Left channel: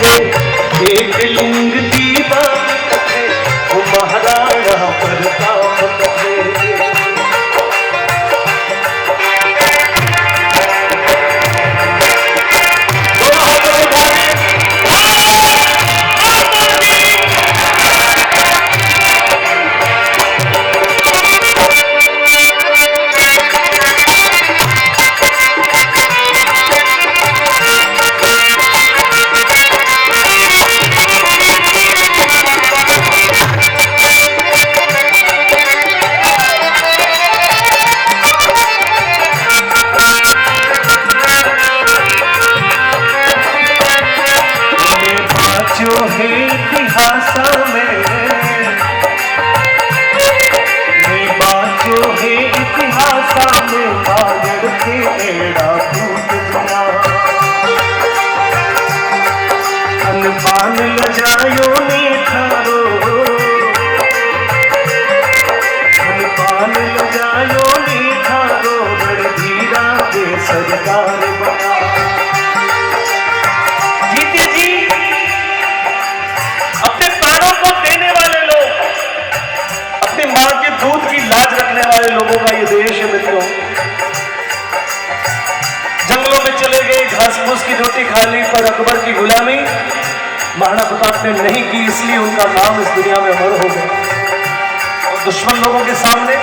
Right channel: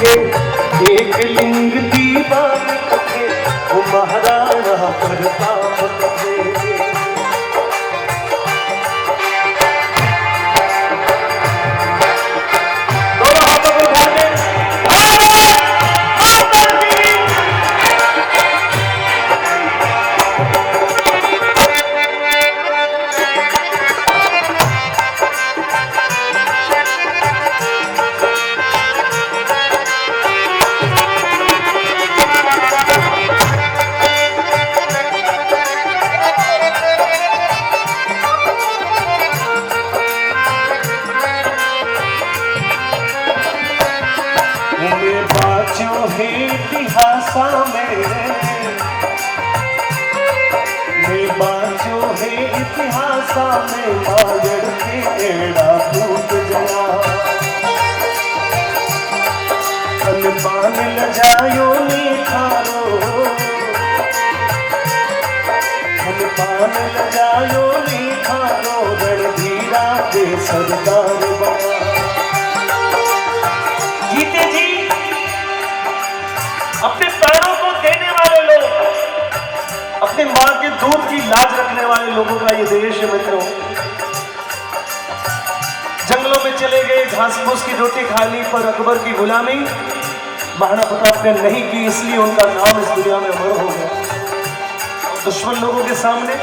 कथे, एक लिंग दीवान कथे, वो महाराणा प्रताप कथे। इतिहास में बाजो है इतिहास में बाजड़ के एड़ा फूट गया। अनपान लजायो ने थारो, अनपान लजायो ने थारो, रणधीरा के सरदार बना। मां के दूध की लाज रखने वाले लोगों का ये देश है मित्रों। जंगलों में चले गए, घास फूस की रोटी खा ली, पर अकबर की गुलामी महाराणा प्रताप ने नहीं की, इसलिए उनका नाम इस दुनिया में अमर हो गया। और दुश्मन लोगों के सामने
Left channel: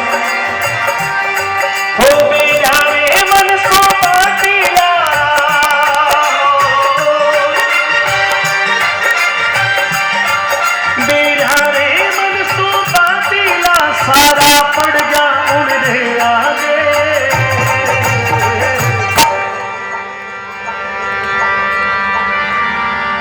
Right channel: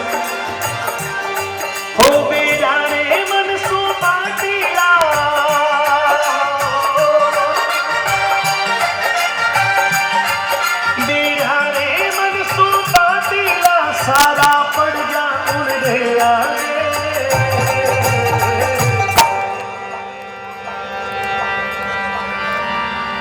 हो बेजाने मन सो बाटीला, सारा पड़ गया उन्हें आगे।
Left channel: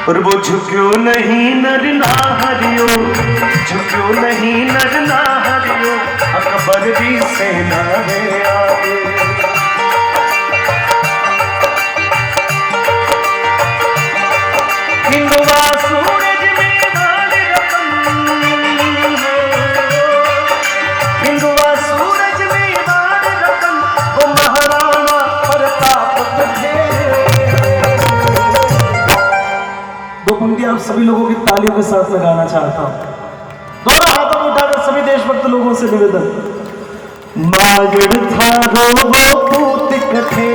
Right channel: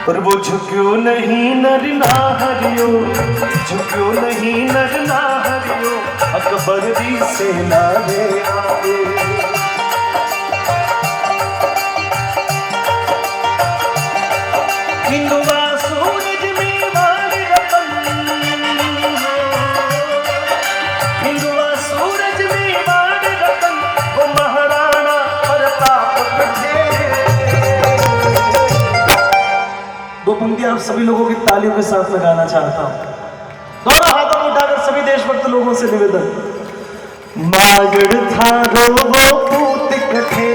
और वो झुक्यो नहीं नर ना हरियो, झुक्यो नहीं नर ना हरियो, अकबर की सेना में आगे। हिंदुआ सूरज में नाग रतन, हिंदुआ सूरज में नाग रतन, वो महाराणा प्रताप कथे। दो पंक्ति आप सभी लोगों की तालियों के साथ में गाना चाहता हूं। दोनों हाथों को उठाकर सभी देशभक्त लोगों से निवेदन। मागड़ थारो वो पूत कथे,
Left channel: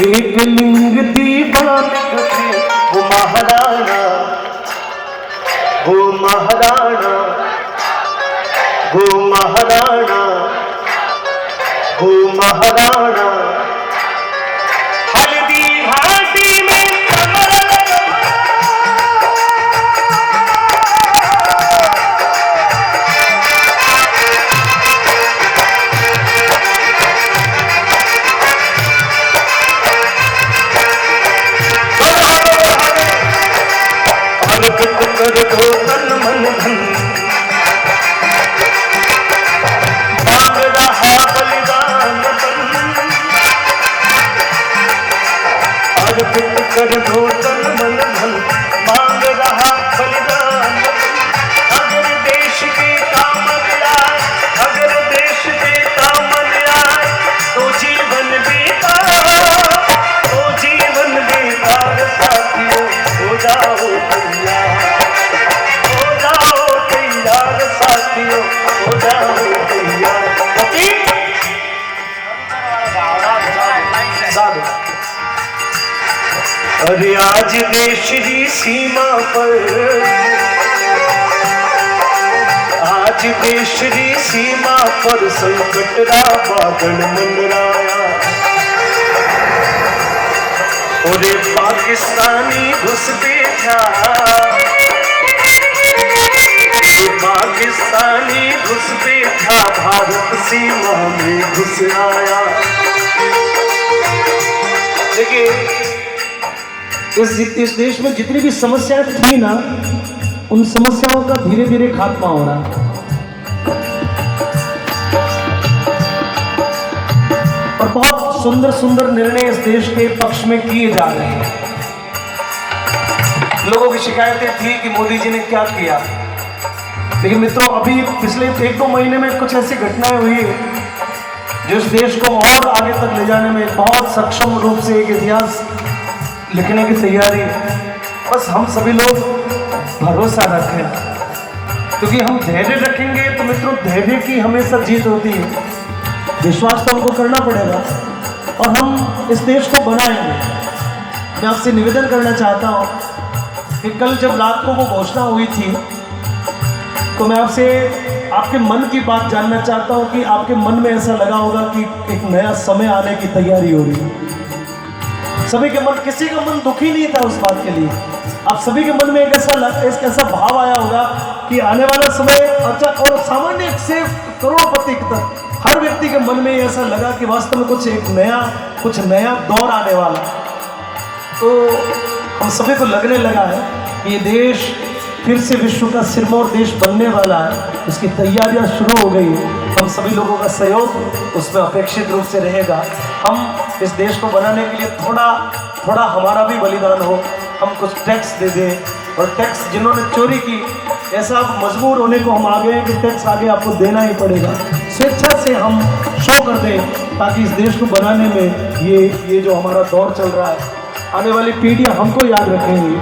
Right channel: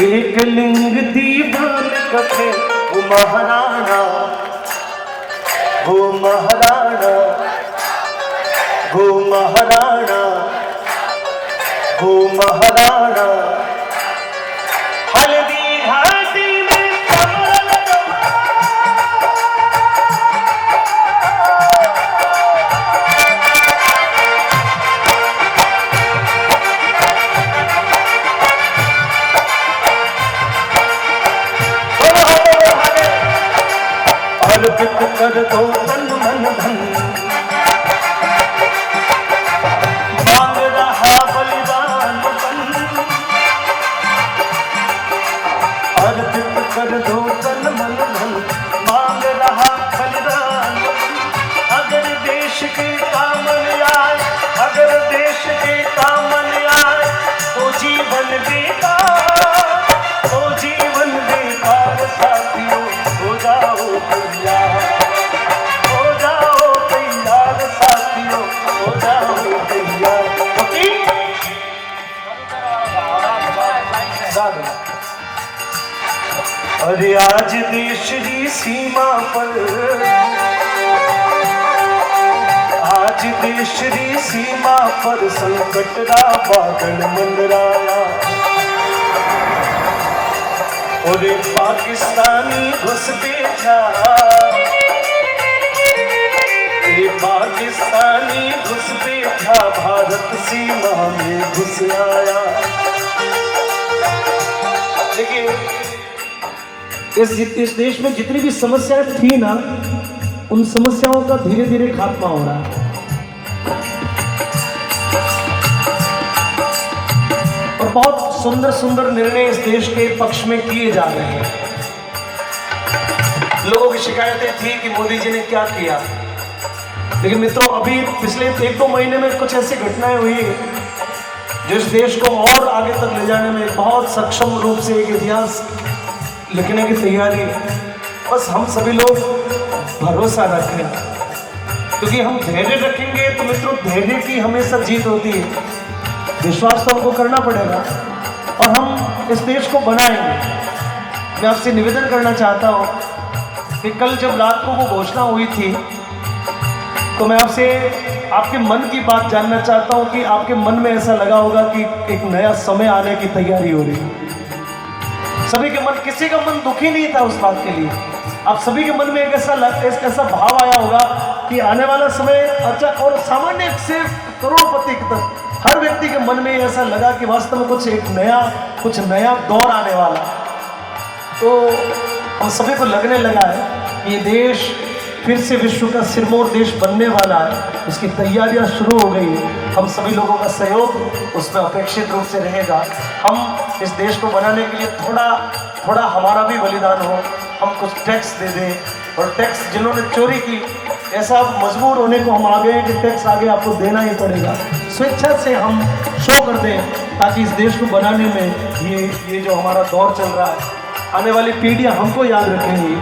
एक लिंग दीवान कथे, वो महाराणा, वो महाराणा, वो महाराणा, वो महाराणा। हल्दी घाटी में कमर अर्पित कर दो तन मन धन, मांग रहा बलिदान तन। अर्पित कर दो तन मन धन, मांग रहा बलिदान तन। अगर देश के काम आए, अगर देश के काम आए, तो जीवन बेकार, तो जीवन बेकार। साथियों हो जाओ तैयार, हो जाओ तैयार, साथियों हो जाओ तैयार। अरे आज देश की सीमा पर, आज देश की सीमा पर संकट रा बादल मंडराया। और पाकिस्तानी घुसपैठा, पाकिस्तानी घुसपैठा भारत सीमा में घुस आया। देखिए इस देश में जितनी भी समस्याएं थी ना, उन समस्याओं का धीरे धीरे खात्मा हो रहा है। और बहुत सुंदर सुंदर निर्णय इस देश के पक्ष में किए जा रहे हैं। लोगों की शिकायतें थी कि मोदी जी ने क्या किया, लेकिन मित्रों अभी पिछले 1-2 महीने में कुछ ऐसी घटनाएं हुई जो इस देश को और आगे तक ले जाने में बहुत सक्षम रूप से एक इतिहास लिखने की तैयारी बस हम सभी लोग भरोसा रखें, क्योंकि हम धैर्य रखेंगे तो मित्रों धैर्य की हमेशा जीत होती है। विश्वास तो हमको करना पड़ेगा और हम इस देश को बनाएंगे। मैं आपसे निवेदन करना चाहता हूँ कि कल जब रात को वो घोषणा हुई थी तो मैं आपसे आपके मन की बात जानना चाहता हूँ कि आपके मन में ऐसा लगा होगा कि एक नया समय आने की तैयारी हो रही है। सभी के मन, किसी का मन दुखी नहीं था उस बात के लिए। आप सभी के मन में एक ऐसा भाव आया होगा कि आने वाला समय अच्छा, और सामान्य से करोड़पति तक हर व्यक्ति के मन में ऐसा लगा कि वास्तव में कुछ नया दौर आने वाला। तो हम सभी को लगने लगा है कि ये देश फिर से विश्व का सिरमौर देश बनने वाला है, उसकी तैयारियां शुरू हो गई है। हम सभी लोगों का सहयोग उसमें अपेक्षित रूप से रहेगा। हम इस देश को बनाने के लिए थोड़ा हमारा भी बलिदान हो, हम कुछ टैक्स दे दें, और टैक्स जिन्होंने चोरी की ऐसा मजबूर होने को हम आ गए हैं कि टैक्स आगे आपको देना ही पड़ेगा। स्वेच्छा से हम शो कर दें ताकि इस देश को बनाने में ये जो हमारा दौर चल रहा है, आने वाली पीढ़ियां हमको याद रखेंगी।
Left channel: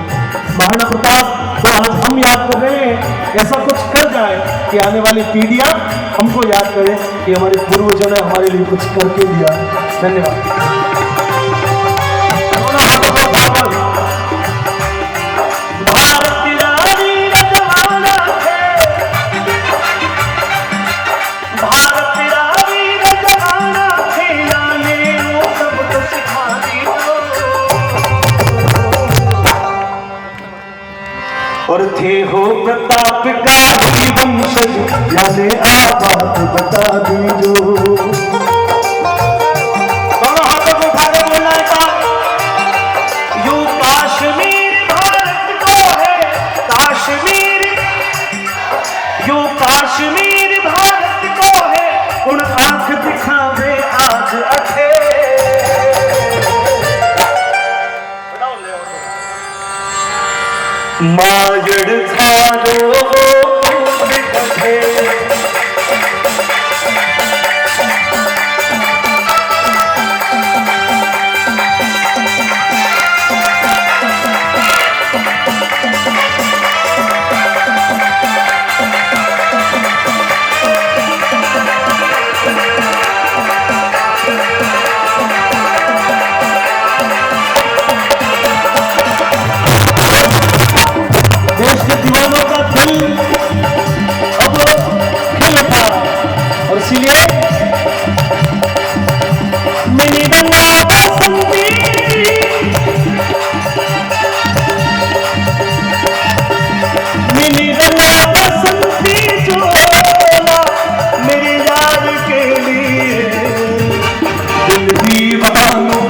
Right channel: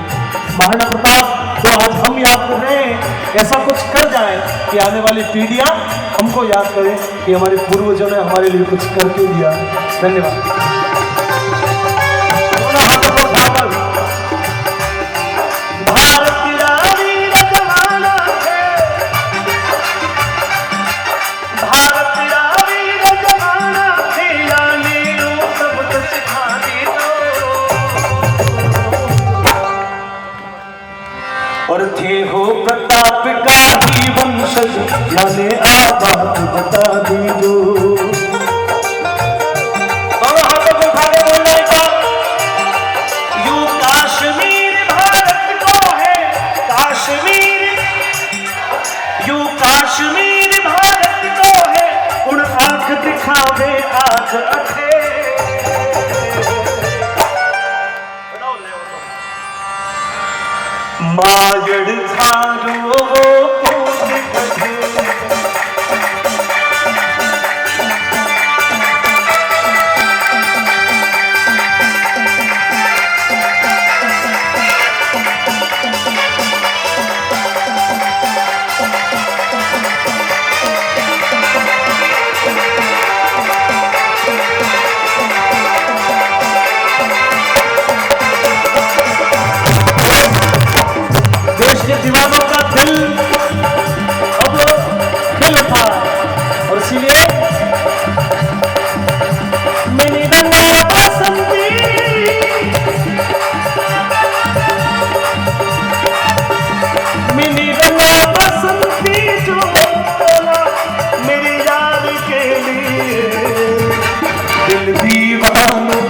महाराणा प्रताप तो आज हम याद कर रहे हैं, ऐसा कुछ कर जाए कि आने वाली पीढ़ियां हमको याद करें कि हमारे पूर्वजों ने हमारे लिए कुछ करके दिया। धन्यवाद। और थे हो प्रताप का ही वंशज, याने बात बता दीजो। दोनों हाथों को उठा के बोलना है, यू काश्मीर भारत को है, काश्मीर यू काश्मीर भारत को है, उन आंख दिखावे आज अखे। मायड़ थारो पूत कथे, दीवानों का दिल अब खिल उठा, और इसीलिए मेरी रंगा बसंती, मेरी रंगा बसंती जो मेरे यार के लिए, दिल दीवानों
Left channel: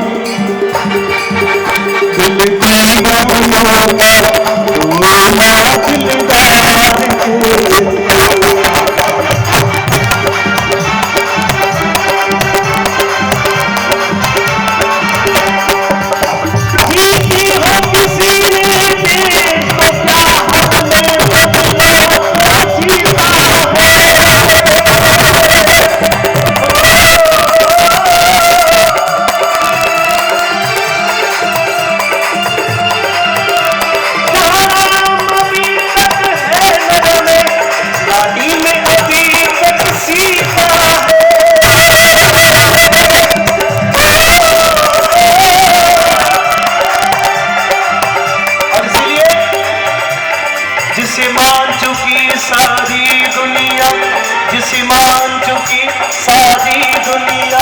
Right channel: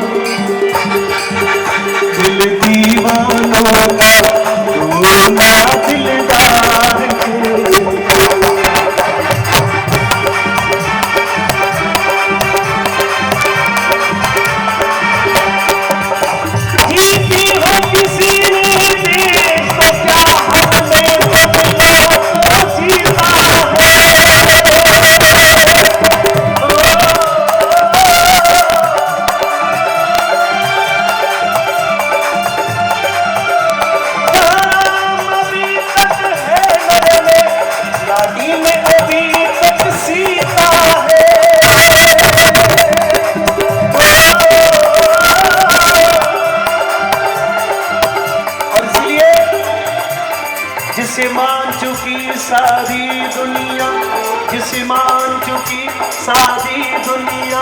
जिसे मान चुकी सारी दुनिया, जिसे मान चुकी सारी दुनिया,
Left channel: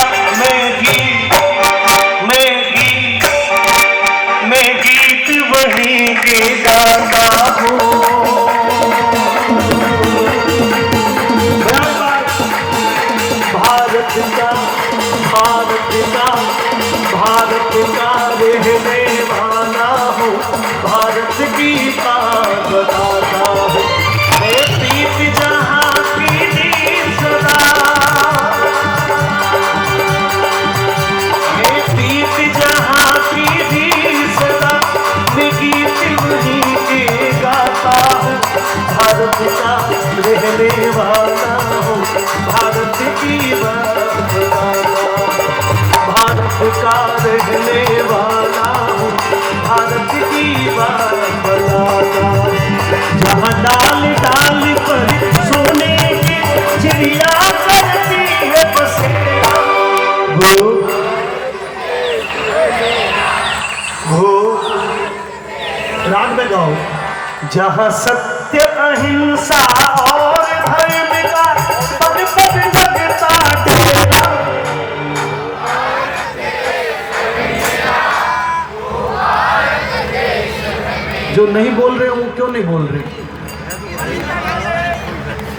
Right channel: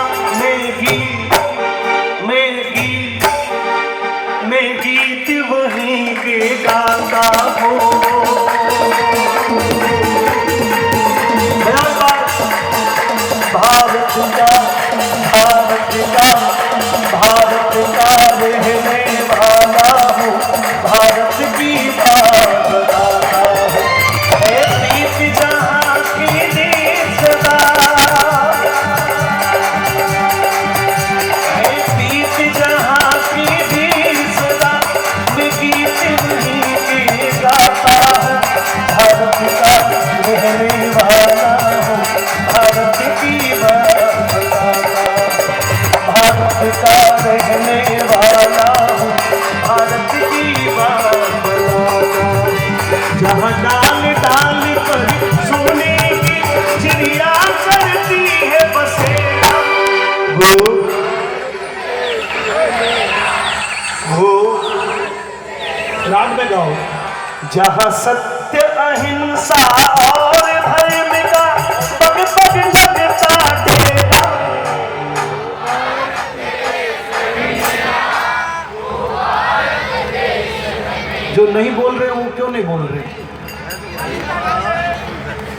मैं गीत वहीं के गाता हूँ। भारत का रहने वाला हूँ, भारत की बात बताता हूँ। दीप जहाँ की दीप दीप जहाँ की दीप मैं गीत वहीं के गाता हूँ। भारत का रहने वाला हूँ, भारत की बात बताता हूँ। भारत का रहने वाला हूँ, भारत की बात राग में गाओ। जहाँ सत्य अहिंसा और धर्म का पग पग लगता डेरा, जो नहीं बोल रहे वो क्यों नहीं बोल रहे?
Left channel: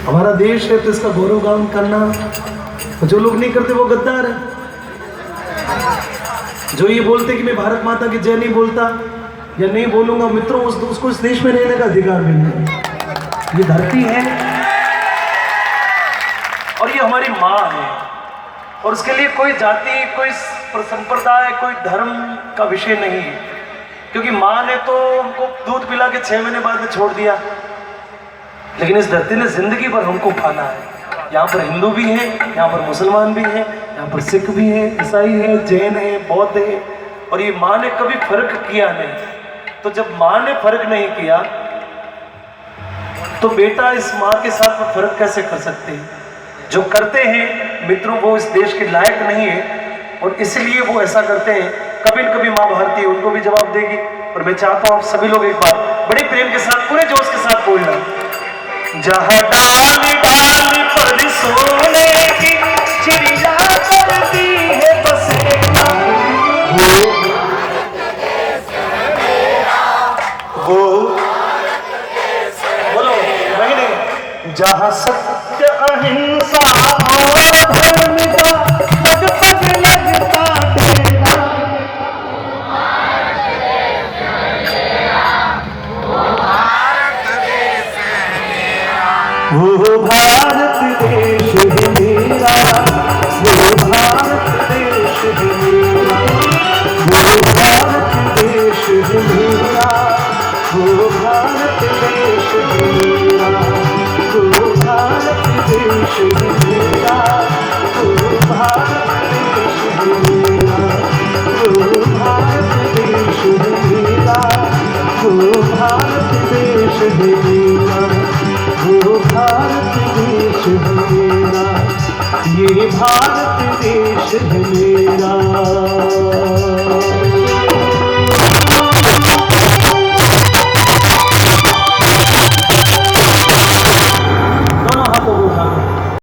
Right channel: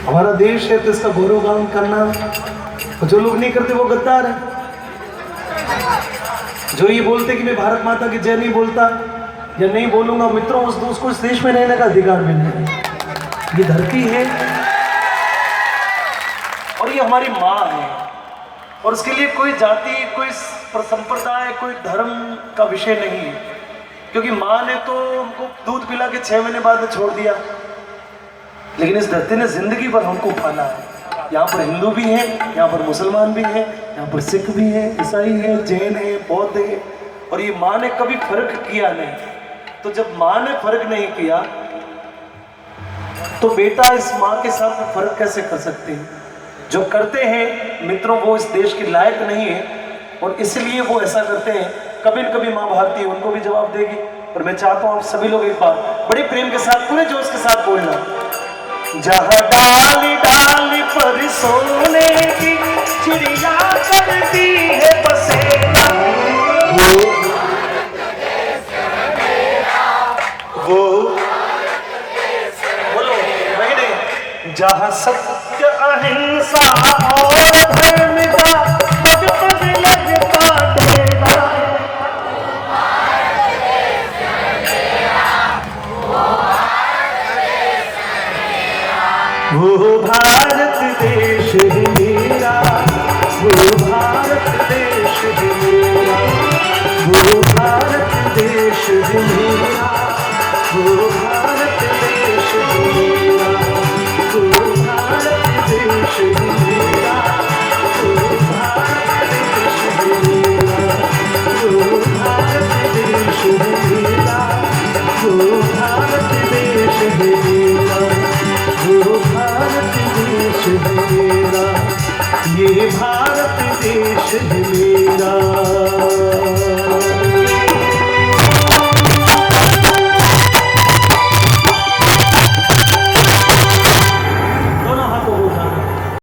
हमारा देश है तो इसका गौरवगान करना, जो लोग नहीं करते वो गद्दार है। जो ये बोलते कि मैं भारत माता की जय नहीं बोलता या नहीं बोलूंगा, मित्रों उसको इस देश में रहने का अधिकार भी नहीं है। ये धरती है और ये हमारी माँ है, और उसके लिए कोई जाति, कोई संप्रदाय, कोई धर्म का विषय नहीं है। क्योंकि माँ ने तो हमको दूध पिला के 6 महीने बाद में छोड़ दिया, लेकिन इस धरती ने जिंदगी भर हमको पाला है। यहाँ पर हिंदू भी है, यहाँ पर मुसलमान भी है, यहाँ पर सिख भी है, ईसाई है, जैन है, बौद्ध है, और ये माँ ने कभी फर्क किया नहीं। तो जब माँ ने फर्क नहीं किया तो बेटा इस माँ के साथ में फर्क कैसे कर सकते हैं? जो करते हैं मित्रों वो इस देश के लायक नहीं है, और इसलिए वो ऐसा करते हैं। कभी न कभी माँ भारती उनको भी जवाब देगी। और मैं चाहता हूँ सभी लोग एक बार बड़े प्रेम के साथ, पूरे जोश के साथ बोलना। जहाँ डाल डाल पर सोने की चिड़िया करती है बसेरा, वो बोलो वही नहीं। जहाँ सत्य अहिंसा और धर्म का पग पग लगता डेरा, वो भारत देश है मेरा, वो भारत देश है मेरा, वो भारत देश है मेरा, वो भारत देश है मेरा, वो भारत देश है मेरा, वो भारत देश है मेरा, वो भारत देश है मेरा, वो भारत देश है मेरा, वो भारत देश है मेरा, ये भारत देश है मेरा।